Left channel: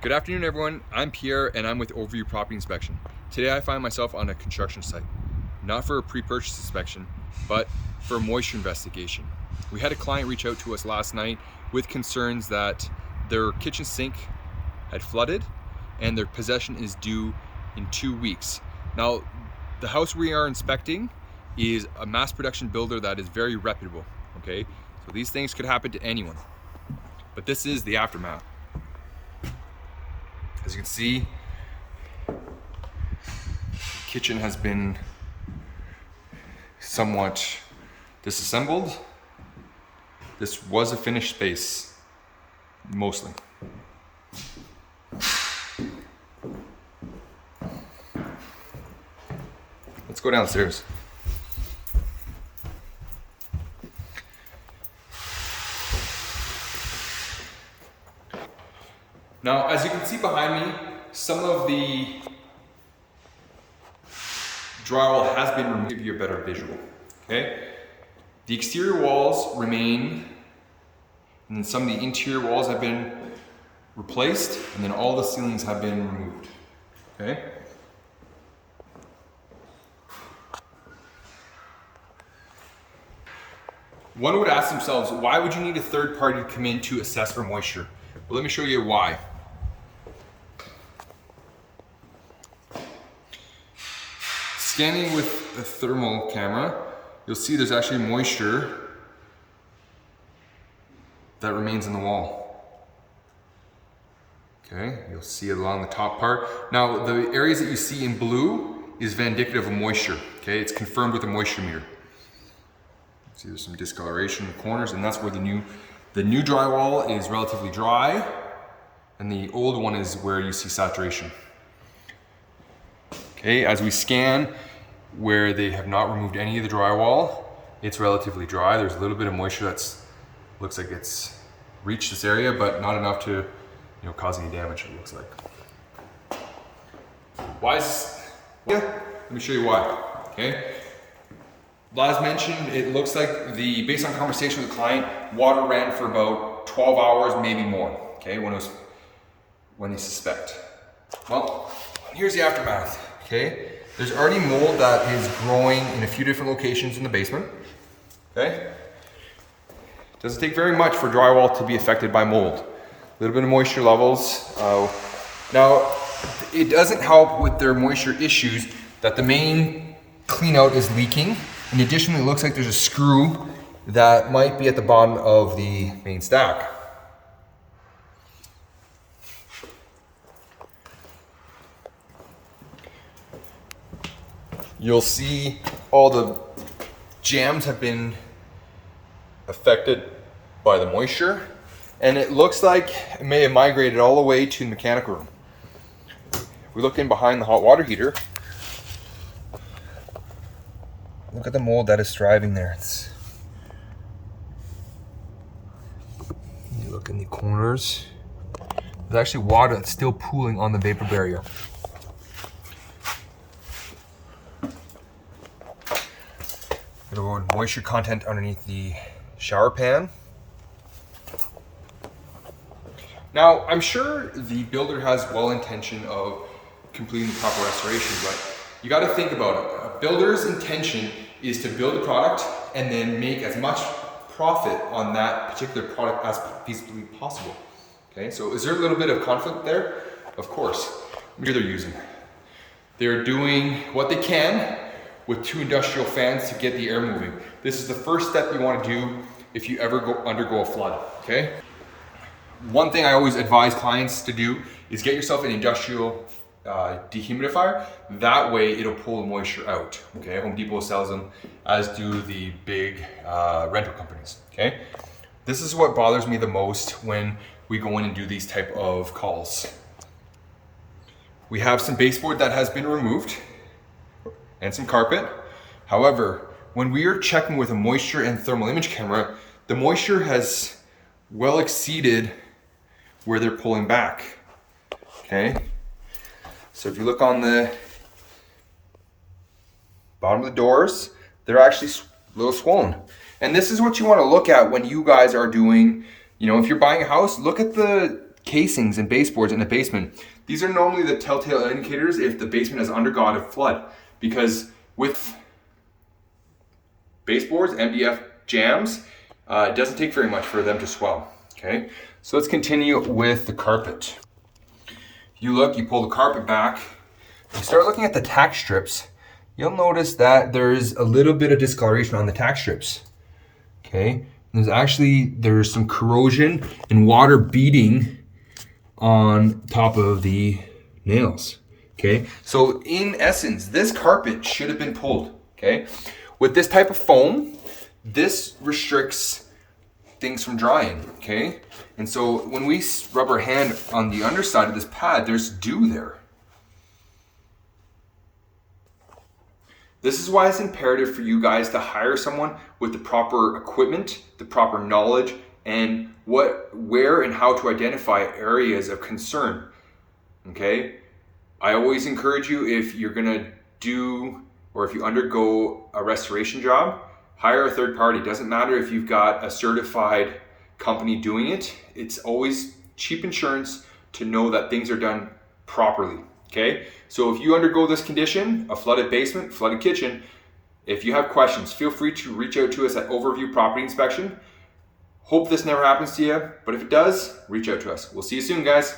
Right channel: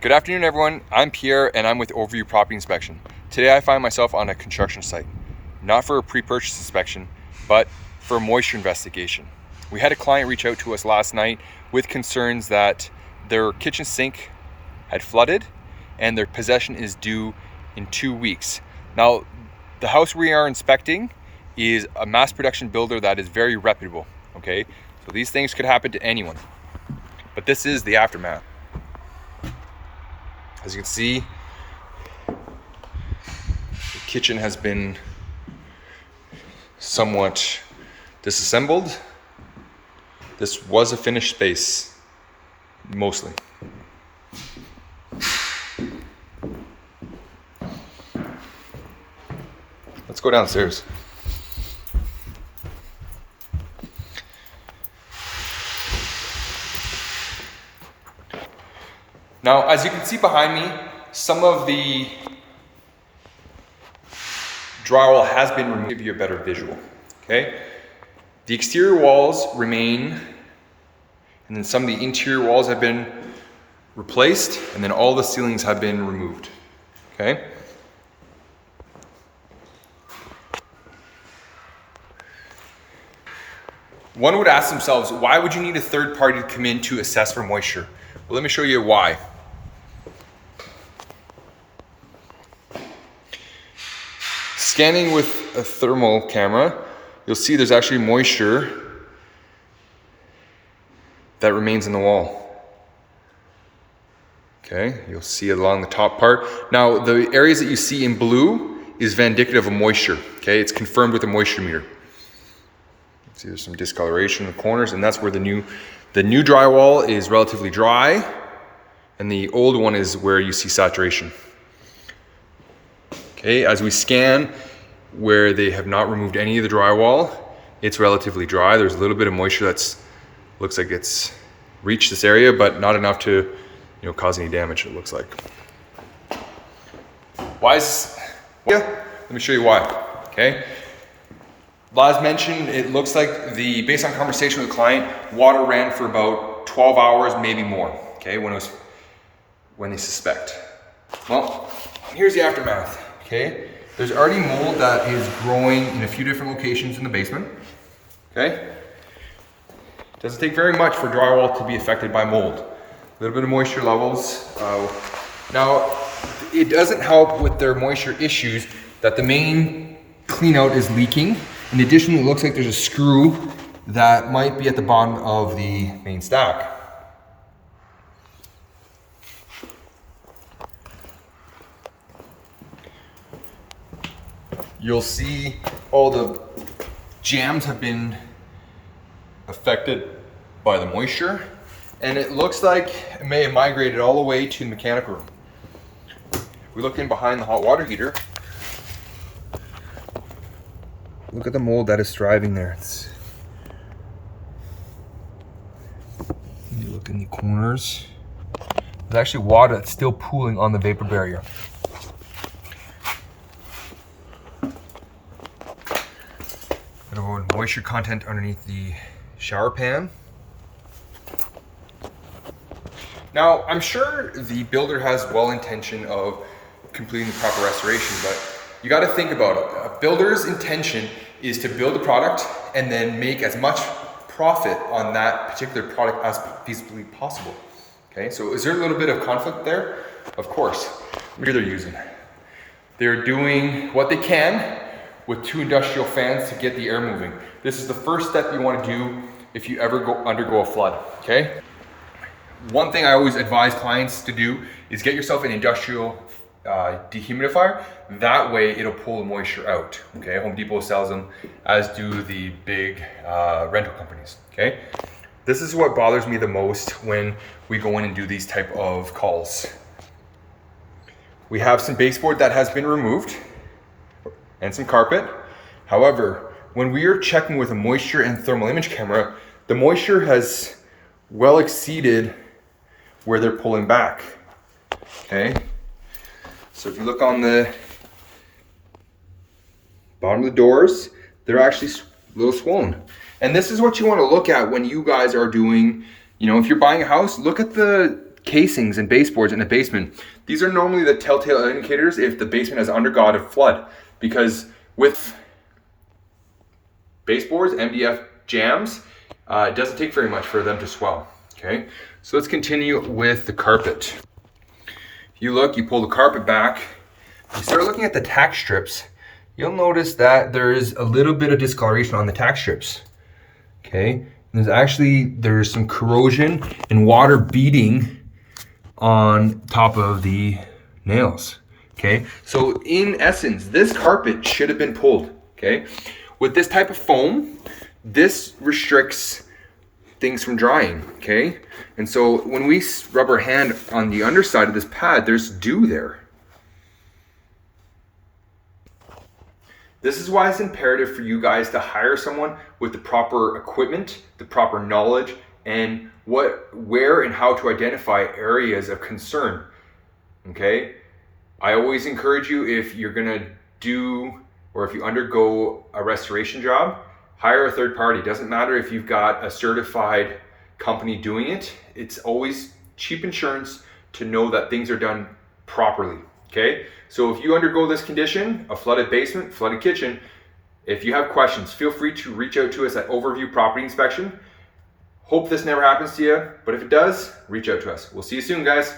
Good afternoon, everyone. I'm Pierre and I'm with Overview Property Inspection. Today I find myself on a construction site, not for a pre-purchase inspection, but for a moisture investigation. We had a client reach out to us last night with concerns that their kitchen sink had flooded and their possession is due in 2 weeks. Now, the house we are inspecting is a mass production builder that is very reputable, okay? So these things could happen to anyone, but this is the aftermath. As you can see, the kitchen has been somewhat disassembled. This was a finished space, mostly. Let's go downstairs. Now, as you can see behind me, some of the drywall has been removed to give you a better visual, okay? The exterior walls remain, and then some of the interior walls have been replaced, and then all the ceilings have been removed, okay? One would ask themselves, why would you need a third party to come in to assess for moisture? Well, let me show you why. Scanning with a thermal camera, you'll see there's actually moisture that remains in the wall. Okay, you'll see it along the top part. Now, the areas that you see in blue is indicative of moisture. Okay, it's confirmed with a moisture meter. See, there's some discoloration in the corners, and that's where the new drywall is relatively dry, and the old one is where you see saturation. Okay, as we scan where they have not removed any of the drywall, it's relatively dry. There's a little bit of moisture looks like it's reached this area, but not enough to, cause any damage, it looks like. Let me show you why, okay? As mentioned, it looks like based on conversation with the client, water ran for about 12 hours, maybe more, okay, when they suspect. Well, here's the aftermath, okay? There's already mold that is growing in a few different locations in the basement, okay? Doesn't take very much for drywall to be affected by mold. A little bit of moisture levels. Now, it doesn't help with their moisture issues that the main clean out is leaking. In addition, it looks like there's a screw that might be at the bottom of the main stack. You'll see all the jambs have been affected by the moisture, and it looks like it may have migrated all the way to the mechanical room. If we look in behind the hot water heater, look at the mold that is thriving there. You look in the corners. There's actually water that's still pooling on the vapor barrier. Bit of moisture content underneath the shower pan. Now, I'm sure the builder has well intention of completing the proper restoration, but you got to think about it. A builder's intention is to build a product and then make as much profit on that particular product as feasibly possible. Okay, so is there a little bit of conflict there? Of course. What they're using? They're doing what they can with 2 industrial fans to get the air moving. This is the first step you want to do if you ever undergo a flood, okay? One thing I always advise clients to do is get yourself an industrial dehumidifier. That way it'll pull the moisture out, okay? Home Depot sells them, as do the big rental companies, okay? This is what bothers me the most when we go in and do these type of calls. We have some baseboard that has been removed and some carpet. However, when we are checking with a moisture and thermal image camera, the moisture has well exceeded where they're pulling back, okay? So if you look on the bottom of the doors, they're actually a little swollen. And this is what you want to look at when you guys are doing, if you're buying a house, look at the casings and baseboards in a basement, these are normally the telltale indicators if the basement has undergone a flood, because with baseboards, MDF jams, it doesn't take very much for them to swell. Okay, so let's continue with the carpet. You look, you pull the carpet back, you start looking at the tack strips. You'll notice that there's a little bit of discoloration on the tack strips. Okay, there's some corrosion and water beading on top of the nails. Okay, so in essence, this carpet should have been pulled. Okay, with this type of foam, this restricts things from drying. Okay, and so when we rub our hand on the underside of this pad, there's dew there. This is why it's imperative for you guys to hire someone with the proper equipment, the proper knowledge, and where and how to identify areas of concern. Okay, I always encourage you, if you're gonna do or if you undergo a restoration job, hire a third party. Doesn't matter if you've got a certified company doing it. It's always cheap insurance to know that things are done properly. Okay, so if you undergo this condition, a flooded basement, flooded kitchen, if you have questions, feel free to reach out to us at Overview Property Inspection. Hope this never happens to you, but if it does, reach out to us. We'll see you soon, guys.